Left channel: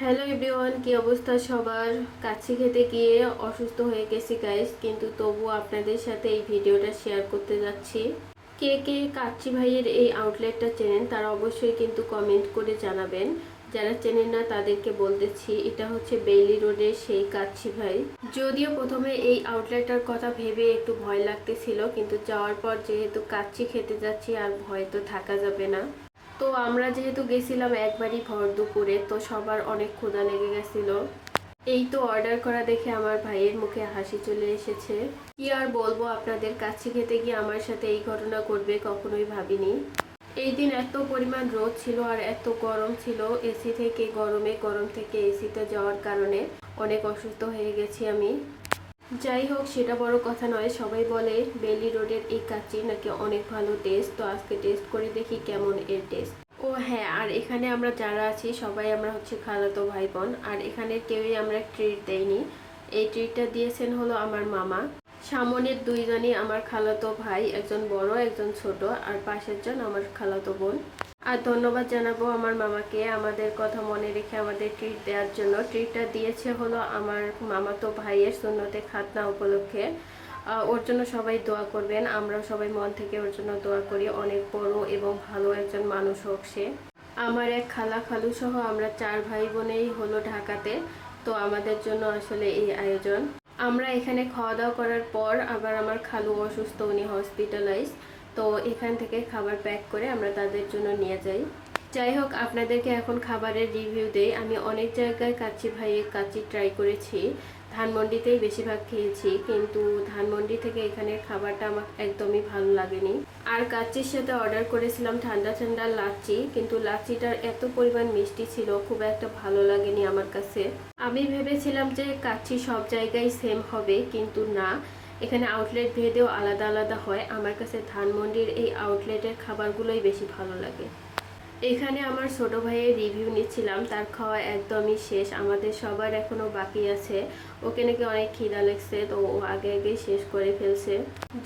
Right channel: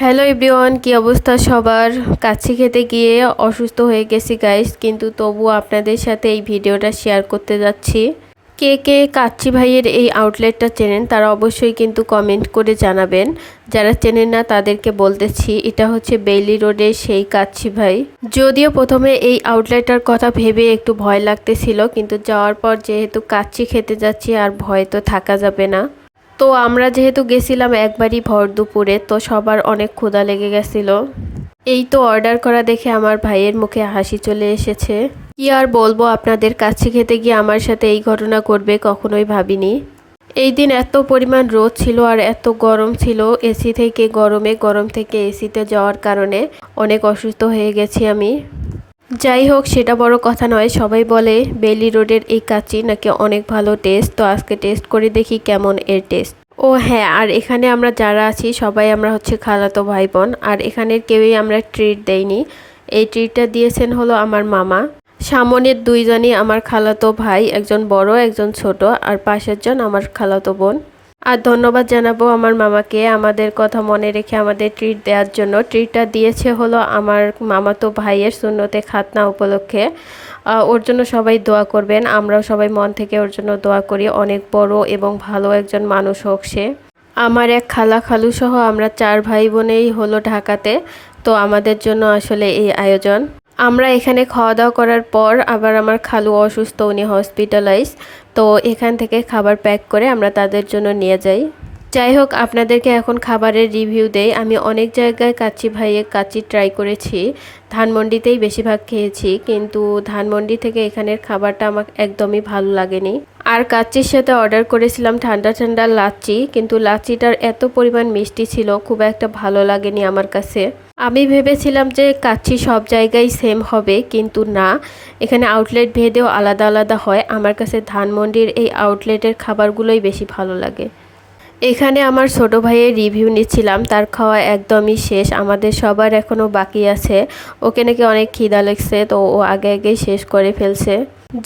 Hello everyone, কি অবস্থা সবার? কাচ্চি খেতে গিয়ে অসুস্থ হয়ে গেছি গাইস, কিন্তু তবুও আপনাদের সাথে এই ভিডিওটা শেয়ার করতে যাচ্ছি। কে কে কাচ্চি ভাইয়ের এই আউটলেটটা চেনেন তারা অবশ্যই কিন্তু কমেন্ট করে জানাবেন। যারা চেনেন না তাদেরকে বলতেছি, এটা হচ্ছে বেইলি রোডের সেই কাচ্চি ভাই। যদিও প্রথমে এই আউটলেটটার কথা ভেবে একটু ভয় লাগতেছিল, কিন্তু যাওয়ার পর যেহেতু কাচ্চি খেতে যাচ্ছি আর ভয় তো থাকা যাবে না। তো আমরা যেহেতু গেছিলাম একবারই ভর দুপুরে, তো সবার অনেক ক্ষুধা লেগে গেছিল। এই তো অর্ডার করা দেখে আমার ভাইয়ের মুখে হাসি চলে এসেছে। কি আর বলবো, আপনাদের কাছে খেতে গিয়ে আমার সাথে এই ঘটনা করবে কখনোই ভাবিনি। এই দিন এত পরিমাণ রোদ ছিল আর এত গরম ছিল, এসি থেকে গরমে, গরম থেকে এসিতে যাওয়ার কারণে অনেক অসুস্থ হয়ে গেছি আমি। যাই হোক, সেটা বড় কথা নয়। সবাই বলে বেইলি রোডের এই কাচ্চি নাকি অনেক ভালো টেস্ট, তো আজকে টেস্ট করে দেখি কেমন এর টেস্ট। ও হ্যাঁ, আর এখানে আমরা যারা আছি সবাই আমরা হচ্ছে খালাতো ভাই বোন, আর এখানের কেউই আমরা ট্রিট দেইনি। এই ট্রিটটা দিয়েছেন হলো আমার মামা। সামনের দুইজনই আমার খালাতো ভাই, একজন বড় একজন ছোট, আর পাশের জন আমার খালাতো বোন। আর ধন্যবাদ জানাবো আমার মামাকে আমাদের কথা মনে রেখে আমাদের ট্রিট দেওয়ার জন্য। ট্রিটটা দিয়েছে হলো আমার মামাতো ভাইয়ের সুন্নতে খাতনা উপলক্ষে। ওর জন্য সবাই দোয়া করবেন, আমরাও সবাই মন থেকে ওর জন্য দোয়া করি। অনেক বড় এবং ভালো একজন মানুষ হোক সে। আমার এক খালা খালু সহ আমরা 4 ভাই বোনেই হলো ঢাকাতে, তো আমাদের জন্য আসলে এই আয়োজন। আমরা এখানে খাওয়া দাওয়া করার পর আবার আমার খালু অসুস্থ, উনি হসপিটালাইজ। তো এখান থেকে খাবার প্যাক করে আমরা তাদের জন্য নিয়ে যাই। যাই হোক, আপনাদেরকে এখন খাবারের রিভিউ দেই। আমি অনেক জায়গায় কাচ্চি ভাইয়ের কাচ্চি ট্রাই করেছি, ধানমন্ডিতেই বেশিরভাগ খেয়েছি, কিন্তু ধানমন্ডি থেকে এখানের খাবারটা আমার একদমই ভালো লাগেনি। আর কাচ্চির সাথে অর্ডার করেছিলাম ঠান্ডা ঠান্ডা লাচ্চি, কিন্তু লাচ্চিটার এত পরিমাণ মিষ্টি ছিল, খুব একটা ভালো লাগেনি আমার কাছে। আমি ভেবেছিলাম যে কাচ্চি সব জায়গায় সেম হবে, কিন্তু না, এখানে আউটলেট ভেদেও আলাদা আলাদা হয়। আমার কাছে ধানমন্ডির এই আউটলেটের খাবারগুলোই বেশি ভালো লাগে। এখানে আমার ছোট ভাইয়ের রিভিউ নিচ্ছিলাম, তার খাওয়া একদমই শেষ, আমাদের সবার এখনও বাকি আছে। ওকে নাকি অনেক খিদা লাগছে, তো ও আগে আগেই শেষ করে ফেলছে।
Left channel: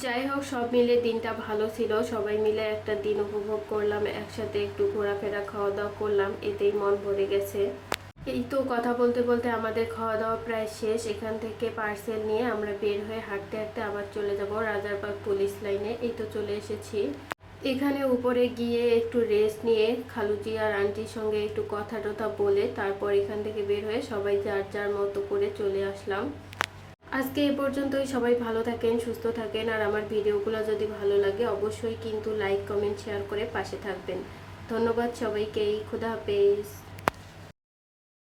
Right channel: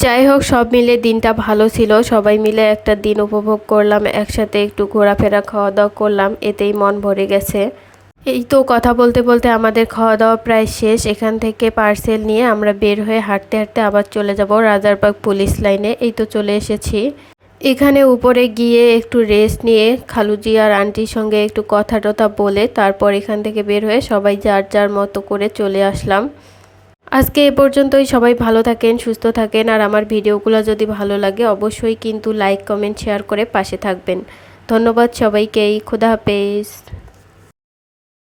যাই হোক, সব মিলে দিনটা ভালো ছিল, সবাই মিলে একটা দিন উপভোগ করলাম, একসাথে একটু ঘোরাফেরা খাওয়া দাওয়া করলাম, এতেই মন ভরে গেছে। এই তো কথা বলতে বলতে আমাদের খাওয়া দাওয়া প্রায় শেষ। এখান থেকে পার্সেল নিয়ে আমরা বের হয়ে হাঁটতে হাঁটতে আবার চলে যাব রাজারবাগ পুলিশ লাইনে। এই তো চলে এসেছি। এখানে উপরে গিয়ে একটু রেস্ট নিয়ে খালুজি আর আন্টির সঙ্গে একটু কথা টথা বলে তারপর এখান থেকে বের হয়ে সবাই যার যার মতো করে চলে আসলাম। আজকে এ পর্যন্তই। সবাই ভালো থাকেন, সুস্থ থাকেন, আর আমার ভিডিওগুলো যদি ভালো লাগে অবশ্যই কিন্তু লাইক কমেন্ট শেয়ার করে পাশে থাকবেন। ধন্যবাদ সবাইকেই। খুদা হাফেজ।